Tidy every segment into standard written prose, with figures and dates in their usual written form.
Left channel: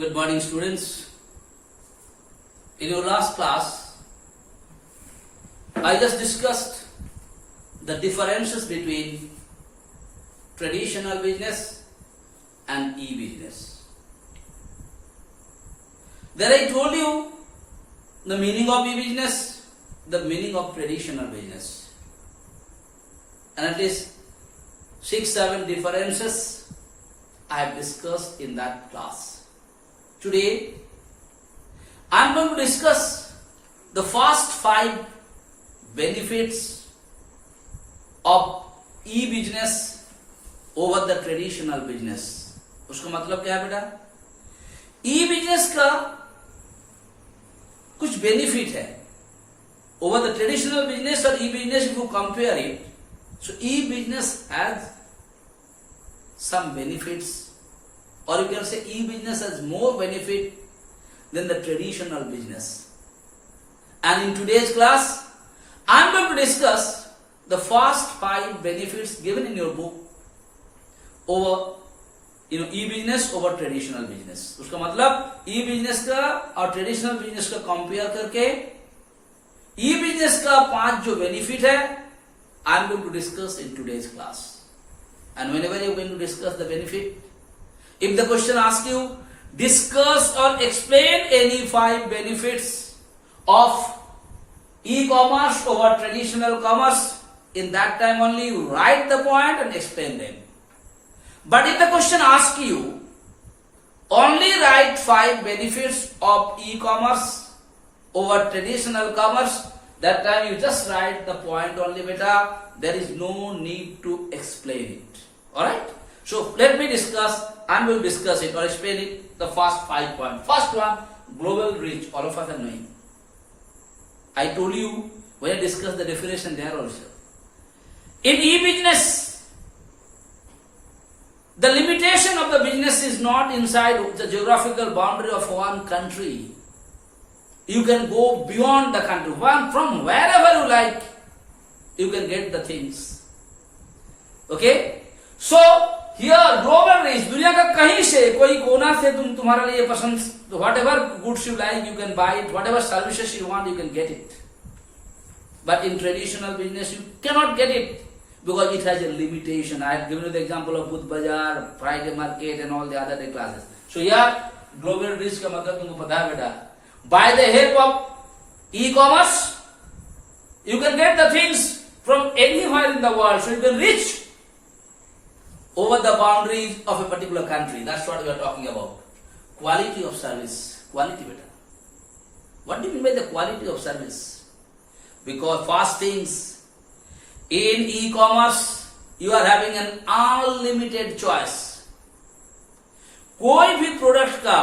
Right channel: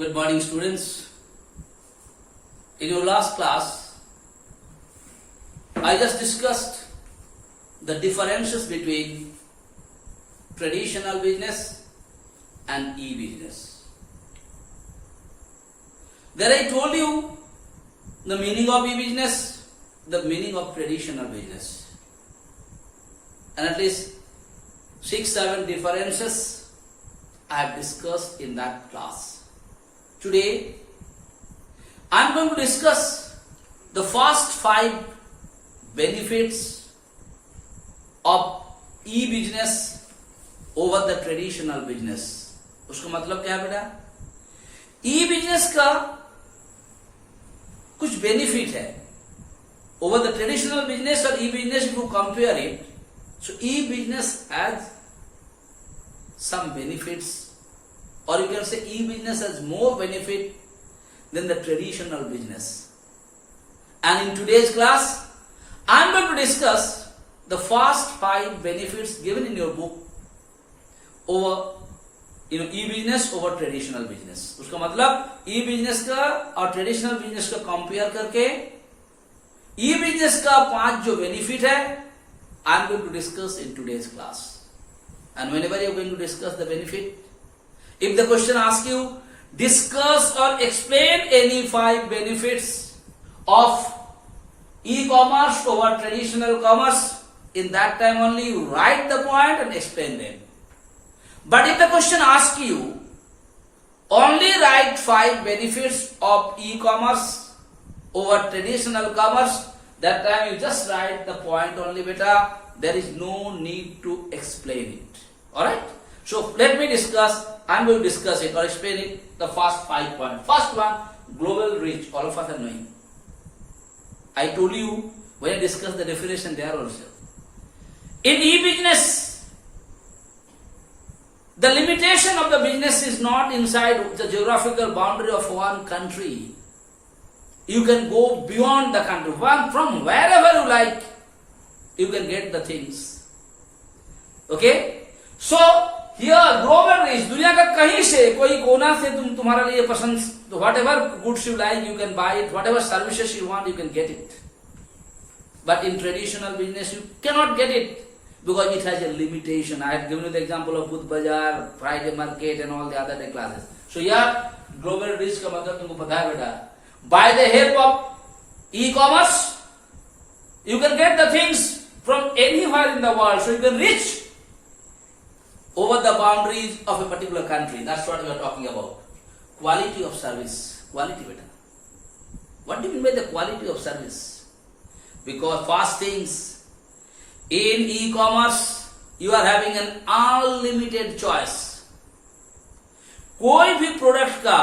Good morning, students. In your last class, I just discussed the differences between traditional business and e-business. There I told you the meaning of e-business, the meaning of traditional business, and at least 6-7 differences I have discussed in that class. Today, I am going to discuss the first 5 benefits of e-business over the traditional business. उसका मतलब क्या है बेटा? E-business का कुछ benefit है over the traditional business or e-business. If you compare it, so e-business has some benefits, or you can say e-business has more benefit than the traditional business. And in today's class, I am going to discuss the first 5 benefits given in your book over e-business over traditional business. उसका मतलब e-business का और traditional business का compare करके e-business का 5 जो benefit है, I am going to discuss in today's class. And whenever you are going to discuss the benefit, if the question asks you, discuss or explain any 5 benefits of e-commerce over traditional commerce, in that time only you write the point and explain them. But if the question asks you, only write 5 benefits of e-commerce over traditional commerce, that time you just write the point only, beta. There is no need to explain it. Alright? So let me discuss. I am going to discuss it or explain it. The first 5 points. First one, global reach. All of us are knowing. I told you when I discussed the definition there also. In e-business, the limitation of the business is not inside the geographical boundary of one country. You can go beyond the country. From wherever you like, you can get the things. Okay? So, here global reach, दुनिया का कहीं से कोई कोना से तुम्हारा लिए पसंद, whatever goods you like you can buy it, whatever services you want you can get it. But in traditional business you cannot get it because it has a limitation. I had given you the example of Budh Bazaar, Friday Market and all the other day classes. So here global reach का मतलब तुमको पता है बेटा. By the help of e-commerce, you can get the things from anywhere in the world. So you can reach over the boundaries of a particular country. That's what we are talking about. Quality of service. Quality better. What do you mean by the quality of service? Because first things, in e-commerce, you are having an unlimited choice. कोई भी product का,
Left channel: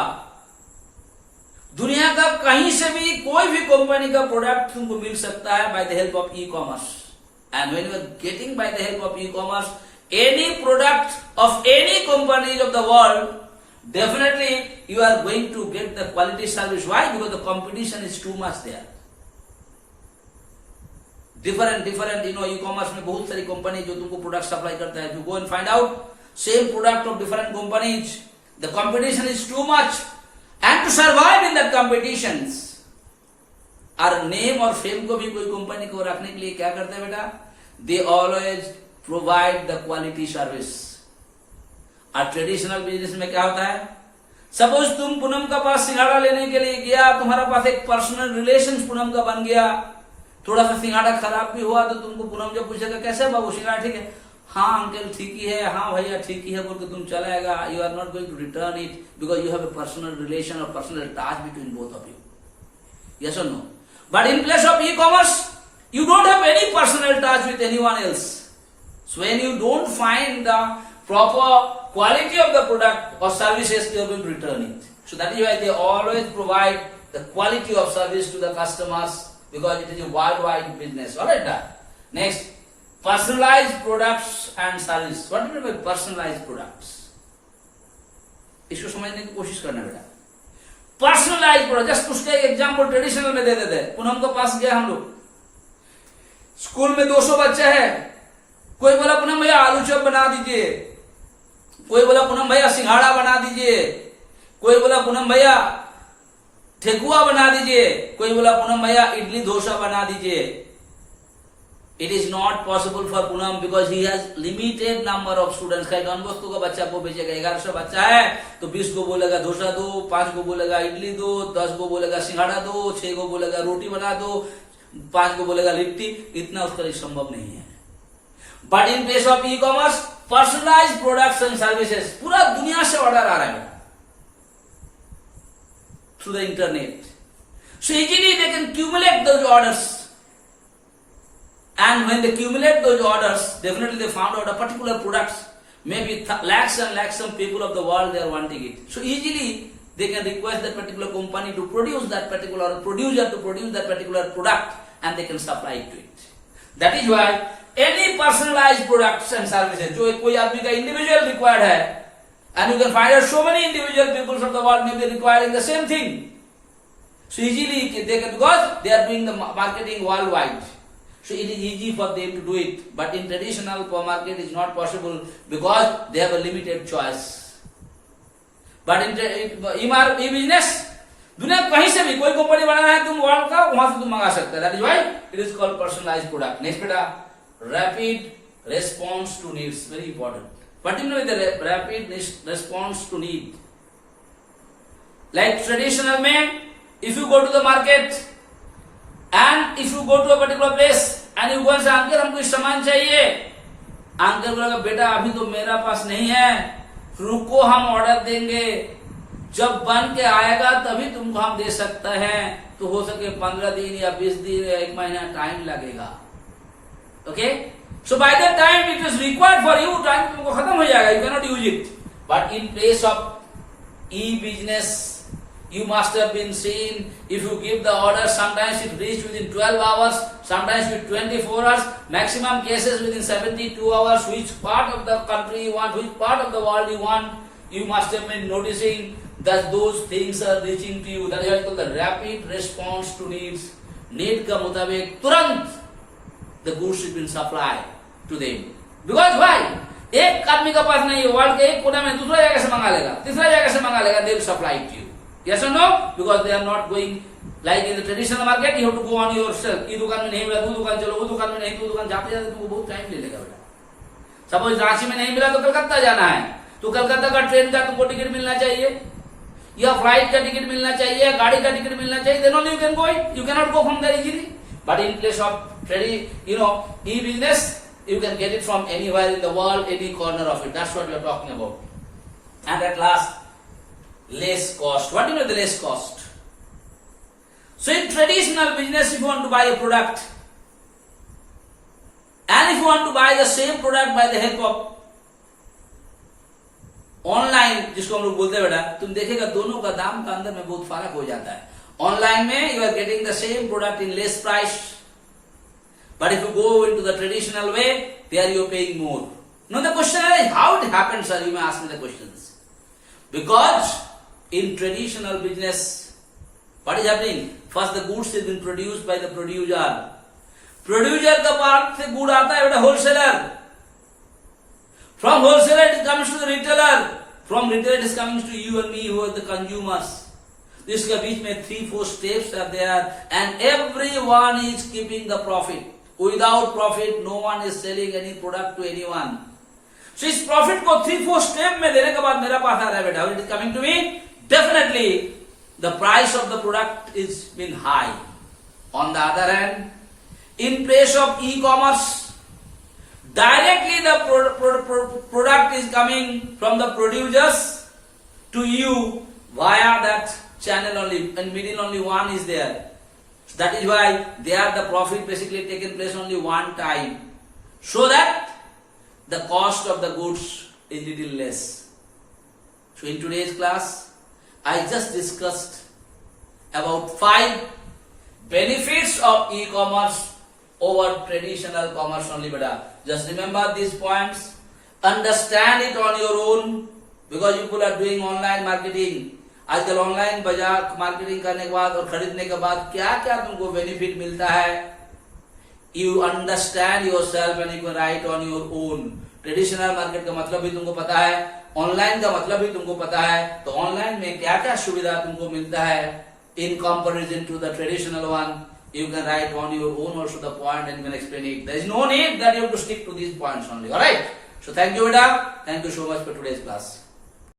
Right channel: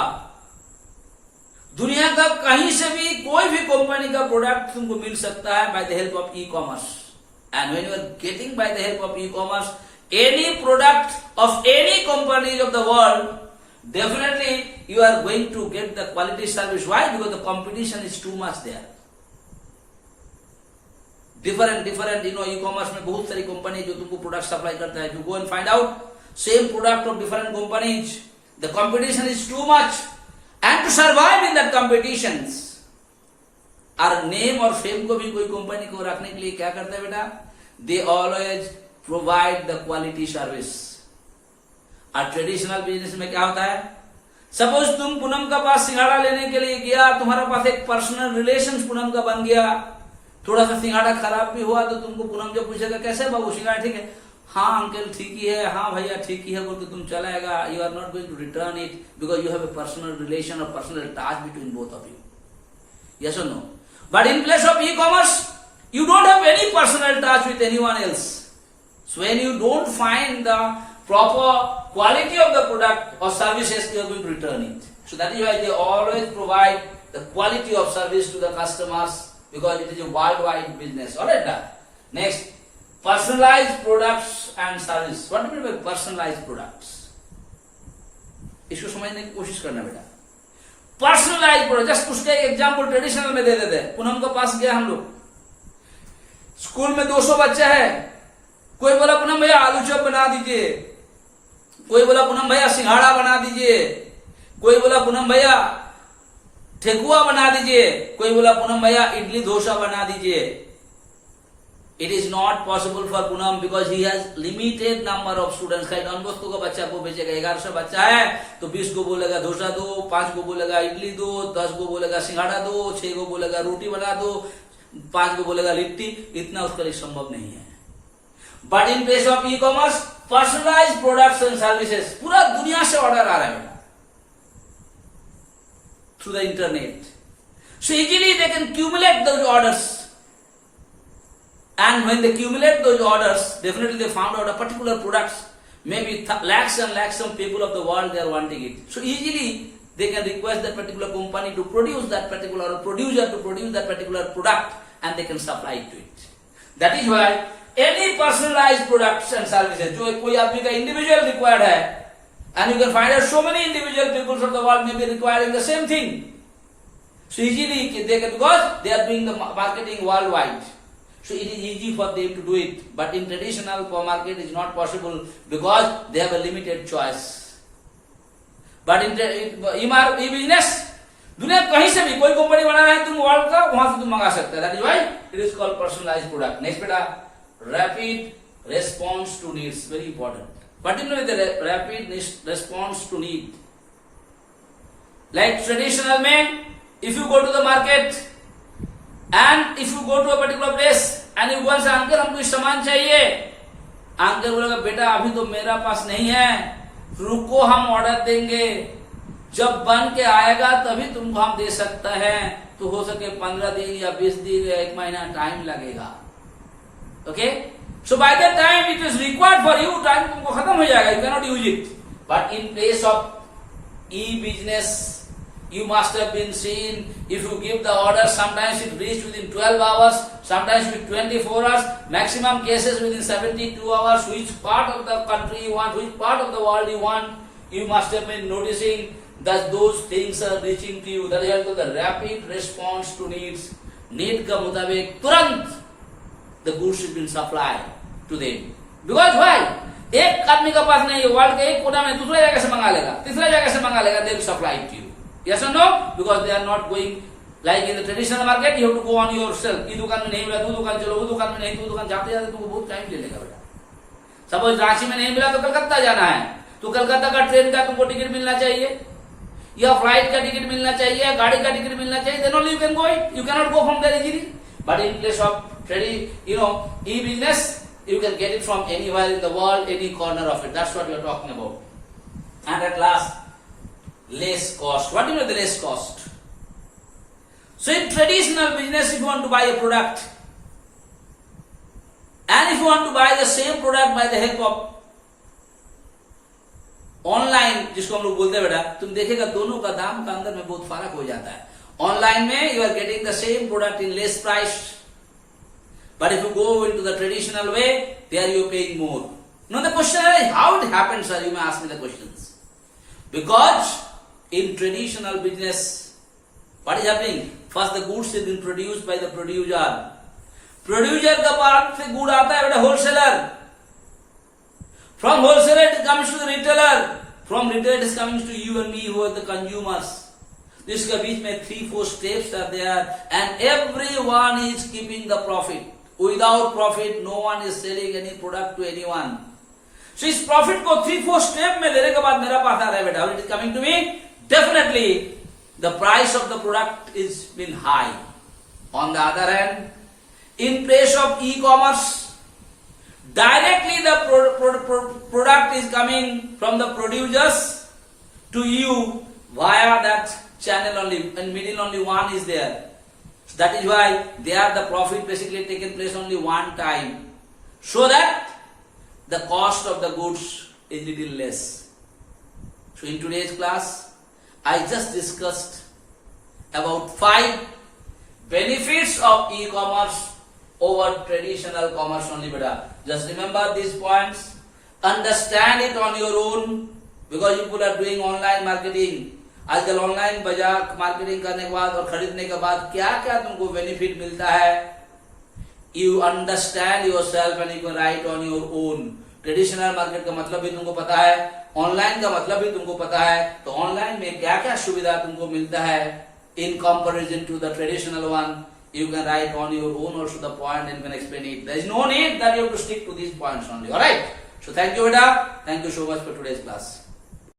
दुनिया का कहीं से भी कोई भी कंपनी का प्रोडक्ट तुमको मिल सकता है by the help of e-commerce. And when you are getting by the help of e-commerce, any product of any company of the world, definitely you are going to get the quality service. Why? Because the competition is too much there. Different, e-commerce में बहुत सारी company जो तुमको product supply करता है. You go and find out same product of different companies. The competition is too much, and to survive in the competitions, और name और fame को भी कोई कंपनी को रखने के लिए क्या करते हैं बेटा? They always provide the quality service. और ट्रेडिशनल बिजनेस में क्या होता है? सपोज तुम पूनम का पास सिंघाड़ा लेने के लिए गया, तुम्हारा पास एक पर्सनल रिलेशन पूनम का बन गया, थोड़ा सा सिंघाड़ा खराब भी हुआ तो तुमको पूनम जब पूछेगा कैसे बाबू सिंघाड़ा ठीक है, हाँ अंकल ठीक ही है, हाँ भैया ठीक ही है बोल के तुम चलाएगा. You are not going to return it because you have a personal relation और personal touch between both of you. Yes or no? But in place of e-commerce you don't have any personal touch with anyone else. So when you don't find the proper quality of the product or services, you are going to return it. So that is why they always provide the quality of service to the customers because it is a worldwide business. Alright? Next, personalized products and service. What do you mean by personalized products? इसको समझने की कोशिश करना बेटा. Personalized product. Just उसका एक example traditional में दे देते हैं. पूनम के पास गया हम लोग. स्कूल में 200 बच्चे हैं. कोई बोला पूनम भैया आलू चॉप बना दीजिए, कोई बोला पूनम भैया सिंघाड़ा बना दीजिए, कोई बोला पूनम भैया ठेकुआ बना दीजिए, कोई बोला पूनम भैया इडली डोसा बना दीजिए. It is not possible for Poonam because he has limited number of students. कहीं डॉन बॉस्को का बच्चा को भेजेगा, 1100 बच्चा है तो 20 को बोलेगा डोसा दो, 5 को बोलेगा इडली दो, 10 को बोलेगा सिंघाड़ा दो, 6 को बोलेगा रोटी बना दो, 5 को बोलेगा लिट्टी. इतना उसका लिए संभव नहीं है. But in case of E commerce personalize products and services, पूरा दुनिया से ऑर्डर आ रहा है through the internet. So easily they can cumulate those orders. And when they accumulate those orders, definitely they found out a particular products, maybe lakhs and lakhs of people of the world they are wanting it. So easily they can request that particular company to produce that particular producer to produce that particular product and they can supply it to it. That is why any personalized products and services, जो कोई आदमी का individual required है, and you can find out so many individual people from the world may be requiring the same thing. So easily they can, because they are doing the marketing worldwide. So it is easy for them to do it, but in traditional market it is not possible because they have a limited choice. But in e-business, दुनिया कहीं से भी कोई company बनाना है तुम world का, वहां से तुम मंगा सकते हो. That is why it is called personalized product. Next बेटा, rapid response to needs, very important. Particularly the rapid response to need. Like traditional में, if you go to the market and if you go to a particular place and you go and say uncle हमको इस सामान चाहिए, uncle बोलेगा बेटा अभी तो मेरा पास नहीं है, रुको हम ऑर्डर देंगे, जब बन के आएगा तभी तुमको हम दे सकते हैं. तो हो सके 15 दिन या 20 दिन या 1 महीना टाइम लगेगा. Okay, so by that time it is required for you, time तुमको खत्म हो जाएगा, you can not use it. But in place of E business, you must have been seen, if you give the order, sometimes it reaches within 12 hours, sometimes with 24 hours, maximum cases within 72 hours. Which part of the country you want, which part of the world you want, you must have been noticing that those things are reaching to you. That is called the rapid response to needs. Need का मुताबिक तुरंत the goods has been supplied to them. Because why? एक आदमी का पास नहीं है, world के एक कोना में दूसरा जगह से मंगा लेगा, तीसरा जगह से मंगा लेगा, they will supply it to you. Yes or no? Because they are not going like in the traditional market. You have to go on yourself. ये दुकान में नहीं मिला, वो दुकान चलो, वो दुकान में नहीं, तो दुकान जाते जाते तुमको बहुत टाइम लेगा बेटा. सपोज रांची में नहीं मिला तो कलकत्ता जाना है, तो कलकत्ता का ट्रेन का तुमको टिकट मिलना चाहिए, या फ्लाइट का टिकट मिलना चाहिए, या गाड़ी का टिकट मिलना चाहिए. Then only you can go it. You cannot go from there easily. But in place of e-business, you can get it from anywhere in the world, any corner of it. That's what we are talking about. And at last, less cost. What do you mean the less cost? So in traditional business, if you want to buy a product, and if you want to buy the same product by the help of online, जिसको हम लोग बोलते हैं बेटा, तुम देखेगा दोनों का दाम का अंदर में बहुत फर्क हो जाता है. ऑनलाइन में you are getting the same product in less price, but if you go into the traditional way, there you are paying more. No, the question is how it happened, sir. You may ask me the questions. Because in traditional business, what is happening? First the goods is being produced by the producer. Producer का part से good आता है बेटा wholesaler. From wholesaler it comes to the retailer. From retailer it is coming to you and me who are the consumers. इसके बीच में 3-4 steps are there and everyone is keeping the profit. Without profit no one is selling any product to anyone. So इस profit को 3-4 step में लेने के बाद मेरा पास आ रहा है बेटा. How it is coming to me? Definitely the price of the product is been high. On the other hand, in place of e-commerce, directly the product is coming from the producers to you via that channel only, and middle only one is there. That is why there the profit basically taken place only one time, so that the cost of the goods is little less. So in today's class, I just discussed about 5 benefits of e-commerce over traditional commerce only beta. Just remember these points, understand it on your own, because you people are doing online marketing. आजकल online बाजार marketing करने के बाद और खरीदने के बाद क्या क्या तुमको बेनिफिट मिलता है, you understand yourself and you can write on your own. Traditional market का मतलब भी तुमको पता है, ऑनलाइन का मतलब भी तुमको पता है, तो ऑनलाइन में क्या क्या सुविधा तुमको मिलता है in comparison to the traditional one. You can write on your own also the point and you can explain it. There is no need that you have to stick to these points only. Alright? So thank you, Beta. Thank you so much for today's class.